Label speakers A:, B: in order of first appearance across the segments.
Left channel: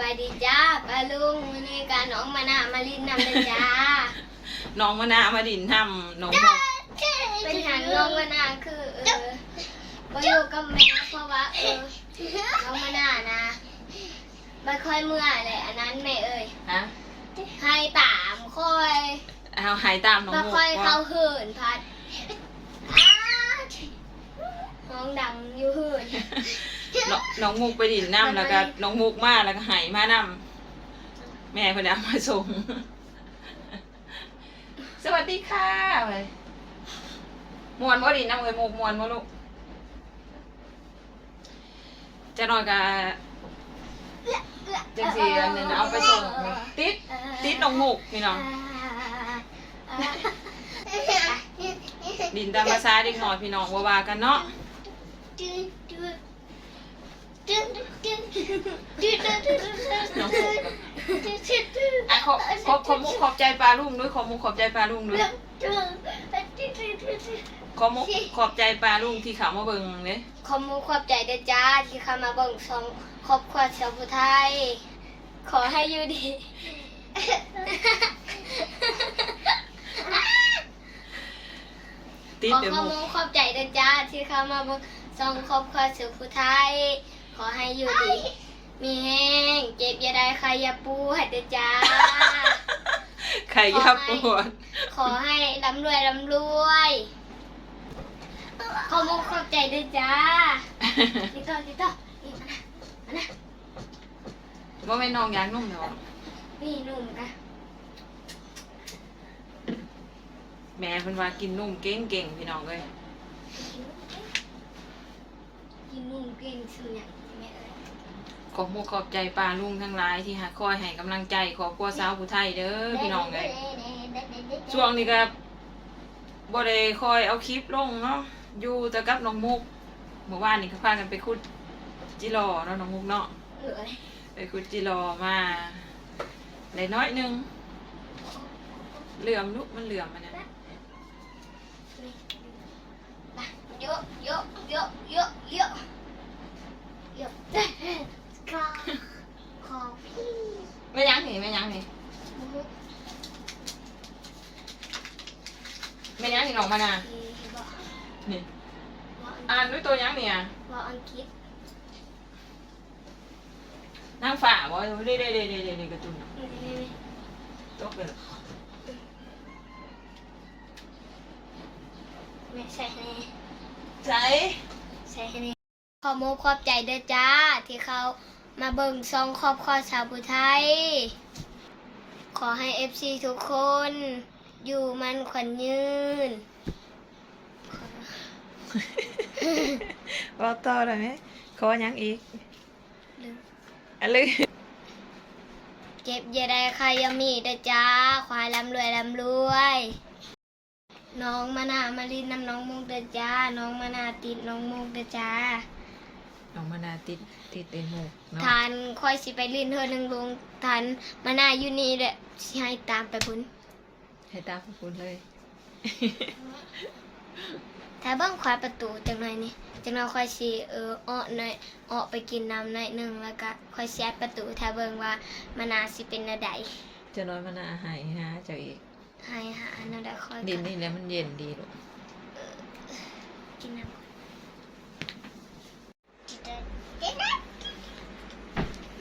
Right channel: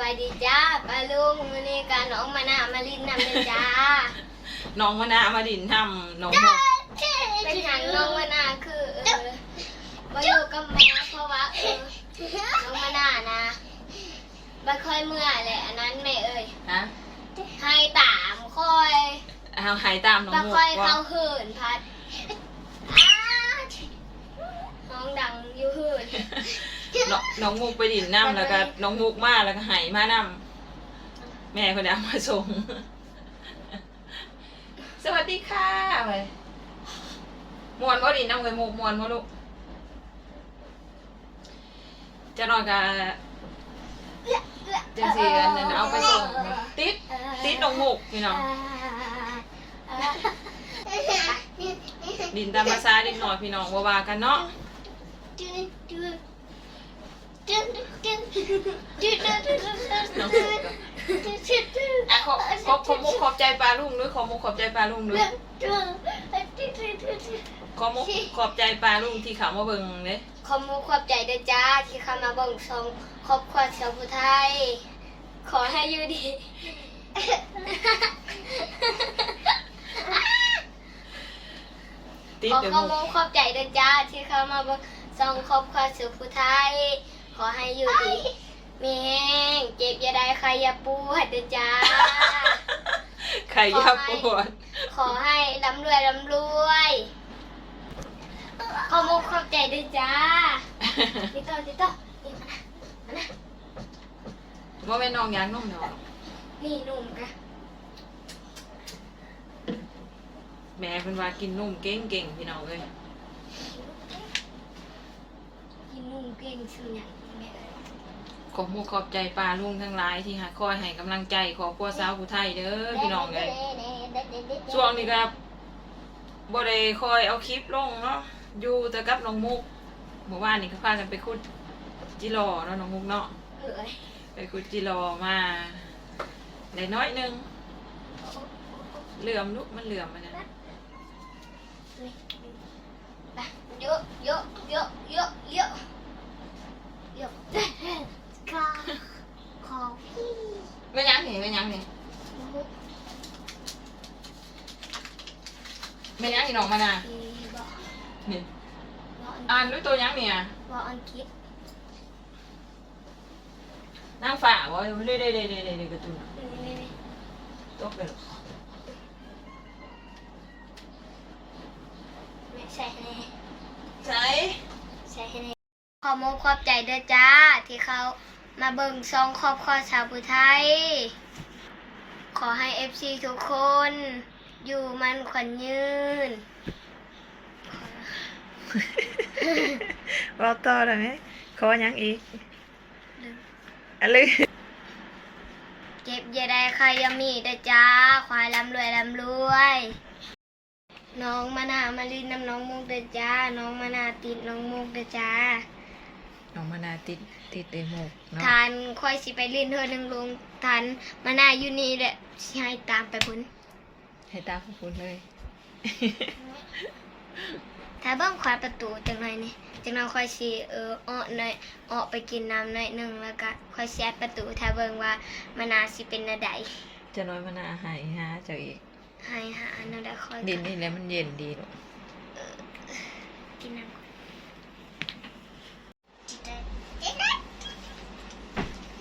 A: บายดีจ้าป้าลุงวันนี้การน้องมานามาลินนำเลยจ้า
B: น้องมะนาวมาดินทำน้องหมก
A: เป็นอย่างน้องมานาคือเออมาอยู่กับแม่เพราะว่าเออน้องมานานะไม่ค่อยเมื่อยเลยอันนั้นแม่เอ่ย
B: ฮะ
A: ให้ตามค่อย
B: เอาหายตามน้อง
A: ไม่
B: หมก
A: ค่อย
B: ว่า
A: เข้าหื่นพัดอ้าน้องดังอยู่หื่น
B: น้องน้องมุกไปดินน้ำแล้วก็น้องมุกมาแล้วก็หายมาน้ำแม่คนนี้เอามาส่ง สวัสดีค่ะไปมวนบ่ดินน้ำเลยมุกมวนบ่ลูกจะนอนกับจังสีอันนั้นเอาไปส่งติดติดน้องมุกพี่น้องดินตามภาษาเด็กหน่อยพี่น้องว่าว่ากันเนาะ น้องมุกกับอะขอบขอบขอบมุกขอบใจปลาลุงด้วยขอบมุกขอบใจปลาลุงด้วยขอบมุกขอบใจปลาลุงที่เขามาเบิ่งเลย
A: ขอมูขอบใจด้วยจ้าที่เข้ามาเบิ่งชมครอบครัวชาวพุไทย ขอให้อยู่ดี
B: ติด
A: ขอ
B: เดี๋ยว
A: ขอ
B: มุก
A: มูขอบใจด้วยจ้าที่เข้ามาเบิ่งชมครอบครัวชาวพุไทย ขอให้อยู่ดี มีแห้งเจ็บอย่าได้ใครอย่าปูให้ด้วยจ้า
B: ไข่ยาปวด
A: ขอให้ร่ำรวยร่ำรวยขอมูขอบใจด้วยจ้าติโต้ติโต้นี่มานะมานะ
B: ว่าไม่นองยางนุ่มเนาะ
A: นี่หนุ่มกะ
B: แม่เป็นว่ากินนุ่มเก่งเก่งๆพี่น้องเลย
A: กินนุ่มเก่งสุดอย่างแม่เอ้ย
B: ขอบมุกขอบใจปลาลุงทั้งหลายที่หาคอยให้กำลังใจขอบครัวสาวผู้ไทยเด้อพี่น้องเลยช่วงนี้ก็บ่ได้คอยเอาคลิปลงเนาะอยู่แต่กับน้องมุกเมื่อวานนี่เขาพากันไปขุดจิรอเนาะน้องมุกเนาะ
A: เอ้ย
B: ไปขุดจิรอมาได้น้อยหนึงเหลื่อมลูกมันเหลื่อมมันนะ
A: ไปเยอะเยอะเยอะเยอะเยอะเยอะ ขอขอพี่
B: ไม่ยั้งนี่ไม่ยั้งนี่
A: มุก
B: ไม่ยั้งนี่น้องมานา
A: ที่บอก
B: นี่
A: บอกอัน
B: อ่านด้วยตัวยั้งเนี่ย
A: บอกอังกฤษ
B: นางฝ่าบ่เด้เด้เด้เด้เด้เด้กระตุ้น
A: นี่นี่นี่
B: ตกเลย
A: ไม่ใช่ให้
B: ใช่
A: ใช่ให้ขอมุกขอบใจด้วยจ้าที่เขา มาเบิ่งซองครอบครัวชาวพุไทย ขอให้เอฟซีทุกคน อยู่มันขวัญยืน
B: ว่าต่อได้ไหมขอยังอีก
A: ลืม
B: อะไร
A: เจ็บอย่าได้ใครอยังมีเด้อจ้า ควายร่ำรวยร่ำรวย น้องมานามาลินน้ำน้องมุกเด้อจ้า น้องมานาติดน้องมุกเด้อจ้า
B: น้องมานาติดติดเต็มหมกเนาะ
A: ทานค่อยสิไปลินเธอหนึ่งลุงทานมานาอยู่นี่แหละสิให้ตามไปพุ่น
B: ให้ตาพูดเลย
A: ถ้าเบ้างควายประตูจังไรนี่จังเราค่อยสิเอออ้อหน่อยอ้อไปกินน้ำหน่อยหนึ่งแล้วก็ค่อยแซดประตูถ้าเบิ่งว่ามานาสิเป็นนาใด
B: จะน้อยมานาหายฮะเจ้าอีก
A: ให้หานาใดค่อย
B: ดินนี่แล้วมันเย็นดีลูก
A: กินน้ำขอพี่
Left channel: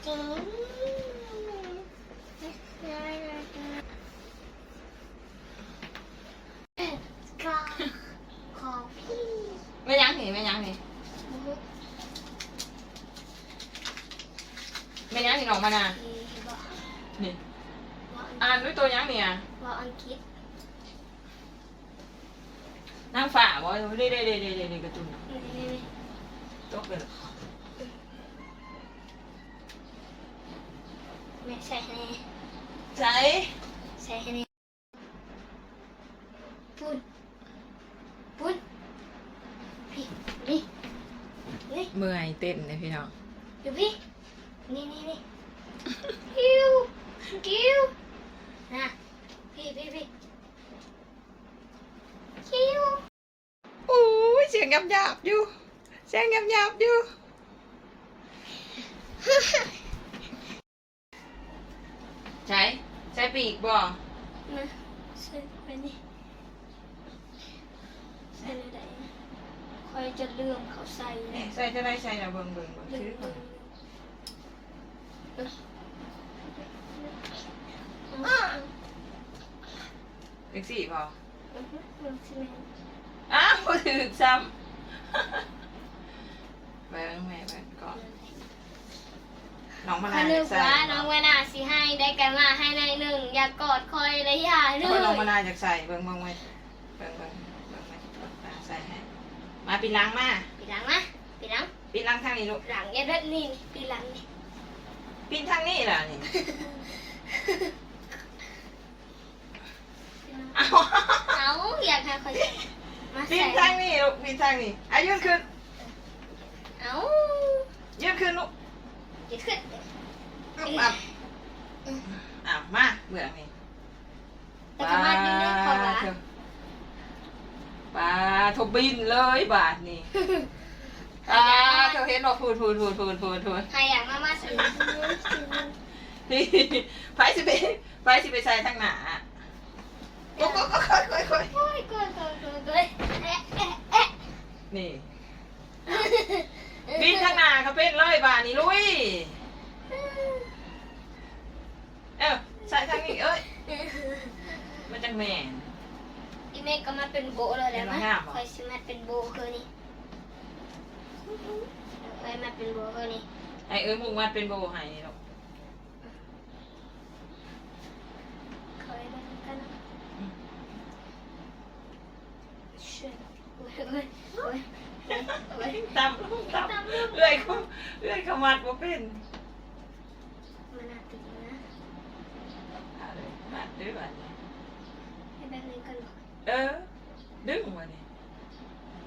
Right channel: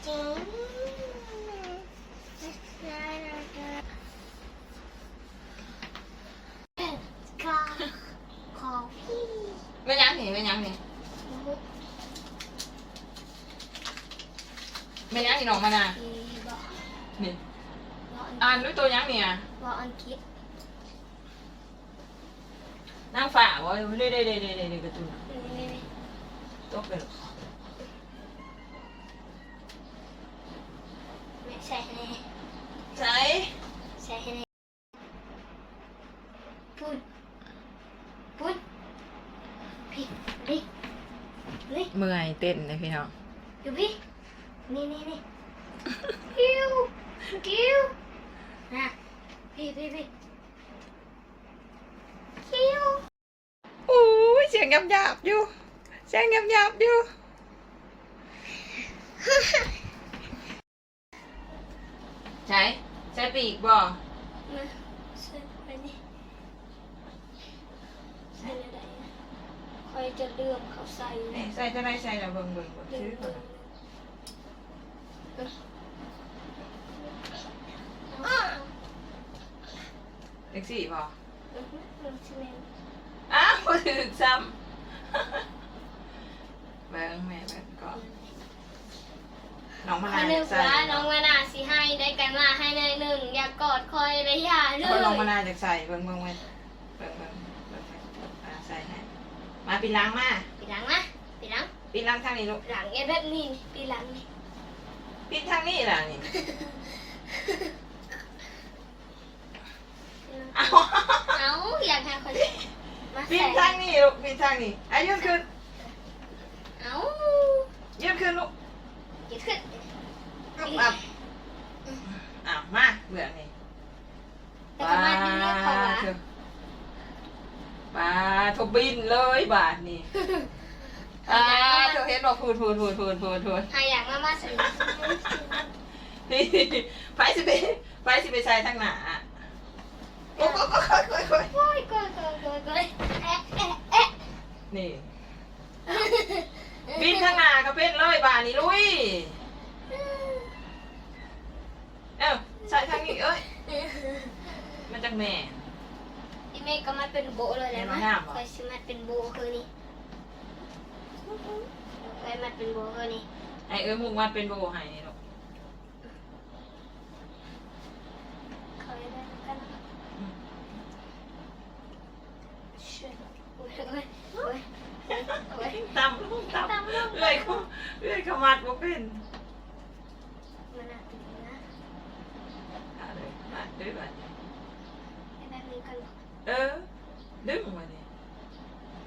B: ไม่ยั้งนี่ไม่ยั้งนี่ไม่ยั้งนี่น้องมานา
A: ที่บอก
B: นี่
A: บอกอัง
B: อ่านด้วยตัวยั้งเนี่ย
A: บอกอังกฤษ
B: นางฝ่าบ่เด้เด้เด้เด้เด้เด้กระตุ้น
A: นี่นี่นี่
B: ตกเลย
A: ไม่ใช่ให้
B: ใช่
A: ใช่ให้พูดพูดพี่นี่นี่
B: เมื่อยเต้นเลยพี่น้อง
A: อยู่พี่นี่นี่นี่กิ้วกิ้วนะพี่พี่พี่กิ้ว
B: อู้ยเสียงหยาบๆอยู่เสียงหยาบๆอยู่ ใช้ใช้ปีกบ่
A: มาใส่ไปนี่ใส่อะไรคอยจะเลื่อมเขาใส่
B: นี่ใส่จะได้ใส่ละเบิ่งเบิ่งเบิ่ง
A: เลื่
B: ชื่อ
A: อ
B: ก่อน
A: ม
B: เล็กสี่บ่
A: เลื่อมสิแม่
B: อ้าวบ่ถึกซ้ำเบิ่งแม่เบิ่งก่อน น้องมะ
A: คน
B: นาว
A: หนึ่
B: จะ
A: ง
B: ใส่
A: ว่าน้องเวลาสิให้ได้แกมาให้ในหนึ่งอย่ากอดคอยเลยอย่าเล
B: คนน้องมะ
A: ย
B: นาวจะใส่เบิ่งเบิ่งไว้เบิ่งเบิ่งเบิ่งไว้อ่าใส่ให้มาปีล้างมา
A: ปีหลังนะปีหลัง
B: ปีล้างทางนี้ลูก
A: หลังเอ็ดแบบนี้นี่ปีหลังนี่
B: ปีนทางนี้ล่ะนี่เอา
A: เอาอยากหาคนมา
B: ปี
A: ใส่
B: นทางนี้ลูกปีนทางนี้อายืนขึ้น
A: เอา
B: ยืนขึ้นลูก
A: เกิดขึ้น
B: อึ๊บอับอ้าวมาเบื่อนี่
A: แต่ก็มาที่นี่เขาว่า
B: เถอะปลาทบบินเลยบาทนี่ปลาเธอเห็นบอกพูดพูดพูดพูดพูดพูด
A: หาอย่างมามาสิ
B: นี่ไปสิไปไปสิไปใส่ทางหนาโอ้โหโอ้โหโอ้โหโอ้โห
A: โอ้ยโกยโกยโกยโกยเอ๊ะเอ๊ะเอ๊ะ
B: นี่ บินทางหนาเขาเป็นเลยบาทนี่ลุย เอ้าใส่ทางนี้เอ้ย มันจังแม่น
A: อีเมฆก็มาเป็นโบเลยแหล้ว
B: เป็น
A: มั้
B: มางห้ามเหรอ
A: คอยสิมาเป็นโบคือนี่คอยมาเป็นโบคือนี่
B: ไอเอ้ยมุกมันเป็นโบใหายนี่หรอก
A: คอยได้กันนะ
B: ตำลูกตำเอ้ยเขาเอ้ยเขามัดว่าเป็น
A: มันน่าตีนะ
B: อะไรมัดด้วยแบบนี้
A: ให้แบบนี้กันหรอ
B: เออ ดึงมานี่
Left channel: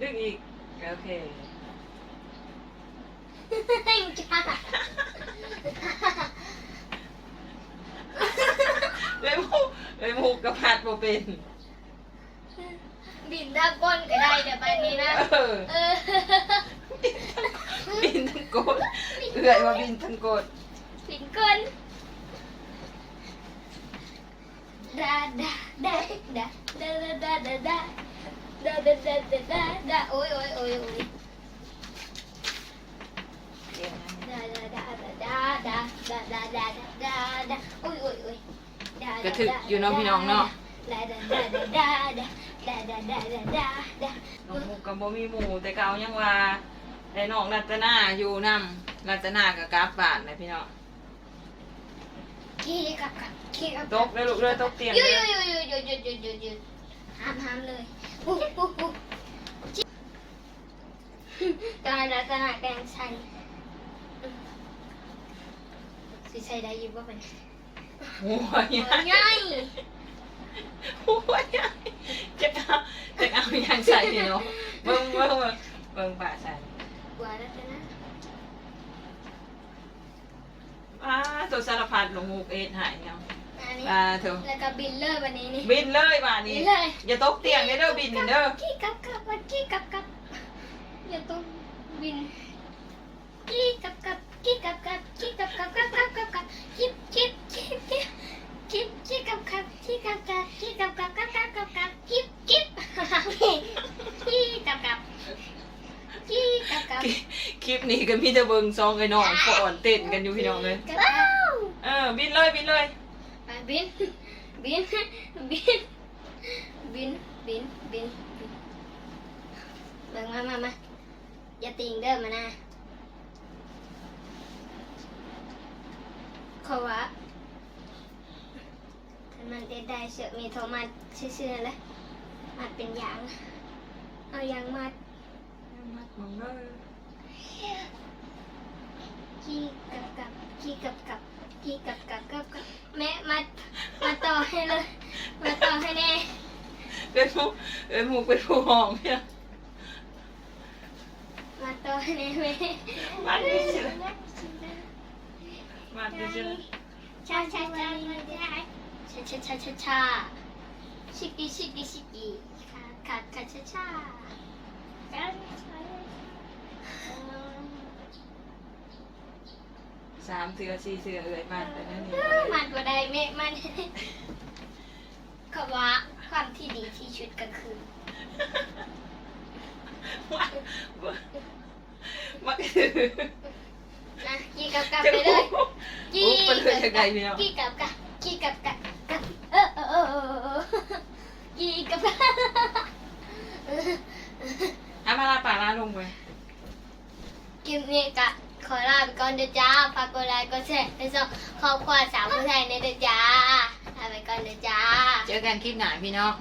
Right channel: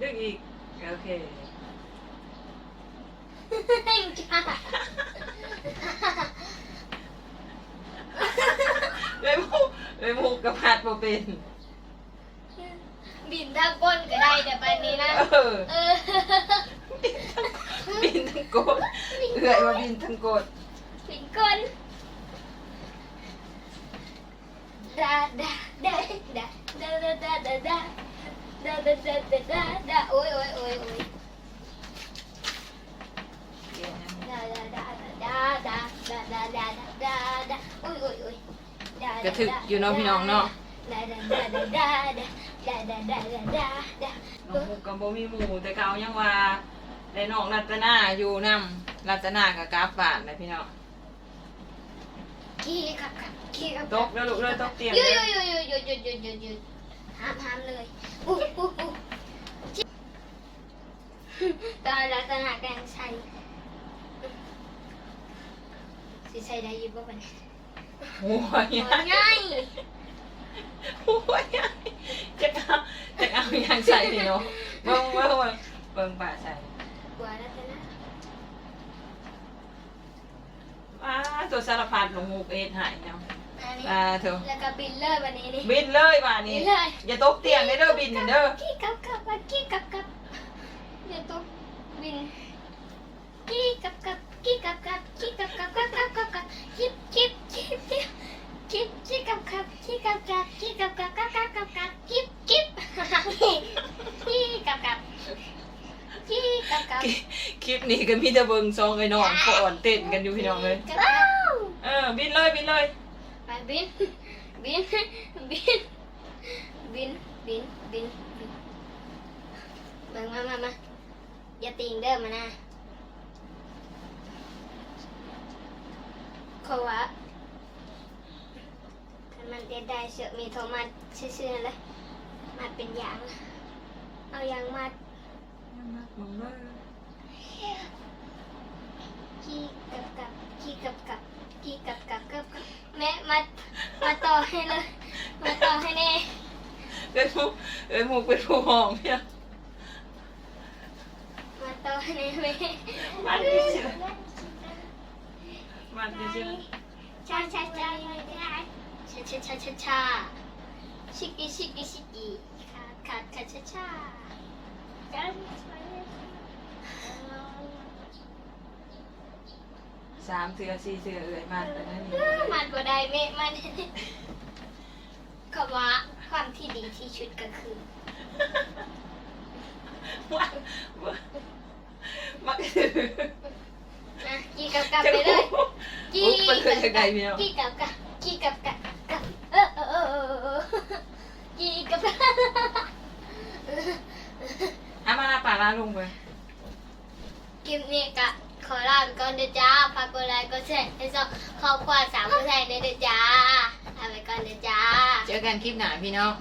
B: ดึงอีก โอเค
A: ให้จ้า
B: เลยมุกเลยมุกกับพัดบ่เป็น
A: บินด้านก้นก็ได้แต่ไปนี้นะ
B: เออ
A: เออ
B: บินทั้งโกดเอื่อยว่าบินทั้งโกด
A: บินก้นดาดาดาดาดาดาดาดาดาดาดาดาดาดาดาโอ้ยโอ้ยโอ้ยโอ้ย
B: เดี๋ยวนะ
A: ดาดาดาดาดาดาดาดาดาดาโอ้ยโอ้ยโอ้ยดาก
B: ระถึกอยู่เนาะพี่น้องเนาะ
A: ดาดาดาดาดา ดาดาดาดาดาดา
B: น้องมุกกับบ่มีหมู่แต่เก่ายังว่าได้น้องรัตนาอยู่นำรัตนากับกราฟบาทนะพี่น้อง
A: ขี้กับกับขี้กับ
B: ตกแล้วลูกเลยตกเตียง
A: หยุด
B: เล
A: หยุ
B: ย
A: ดหยุดหยุดหยุดหยุดหยุดหยุดหยุดห้ามห้ามเลยปุ๊บปุ๊บปุ๊บตอนเราจะหาแกงใส่สิใส่ได้ยินบ่เป็น
B: หัวใหญ่
A: ง่าย
B: หัวใหญ่จะเอาจะเอาอย่าง ใส่เนาะเบิ่งเบิ่งเบิ่งเบิ่งป่าใส่
A: กว่าแล้วนะ
B: อ่าตัวสารพัดหลวงมุกเอ็ดหายเนาะ
A: อันนี้
B: อ่าเถอะ
A: แล้วก็บินเลยวันนี้นี่
B: บินเลยบ้านนี้
A: บินเลย
B: อย่าตกเตียงเด้อเด้อบินเด้อ
A: กี้กับกับว่ากี้กับกับ ก็
B: มีแต่เบิ่งซองไอ้น้องฟ้อนเต้นกันอยู่พี่น้องเลย
A: กับกับ
B: เออบินเลยบินเลย
A: ไปบินบินบินบินบินบินบินเบิ่งมามามาอย่าติงเด้อมานะเพราะว่าถ้ามันเอ็ดได้เสือกมีโทรมาซื่อๆแล้วมาเป็นยาง เอายางมา
B: มัดมึงเลย
A: ขี้กับกับขี้กับกับขี้กับกับกับกับแม่มามาต่อให้เลยมาต่อให้แน่
B: เอ้ยมุกเอ้ยมุกเป็นผู้ห้องเนี่ย
A: มาต่อให้แน่แม่
B: มัดดิฉันมัดดิฉัน
A: ชาชาชาชาชาชาชาชาชาชิกิชิกิชิกิขาขาขาชาชาชา
B: สามเสือสี่เสือเอ่ยมาแต่นั่นนี่
A: มันบ่ได้เมมันคำว่าความที่ดีที่ชุดก็คือ
B: ว่าว่าคือ
A: นะกี่กับกับไปเลย
B: โอ้เป็นเลยจากใดพี่น้อง
A: กี่กับกับกี่กับกับกับเออเออเออเออเออกี่กับกับ
B: เอามาลาป่าลาลงไป
A: คลิปนี้ก็ ขอลาไปก่อนเด้อจ้าฝากกดไลค์กดแชร์ให้สองครอบครัวสามผู้ชายในเด้อจ้าลาไปก่อนเด้อจ้า
B: เจอกันคลิปหน้าพี่น้อง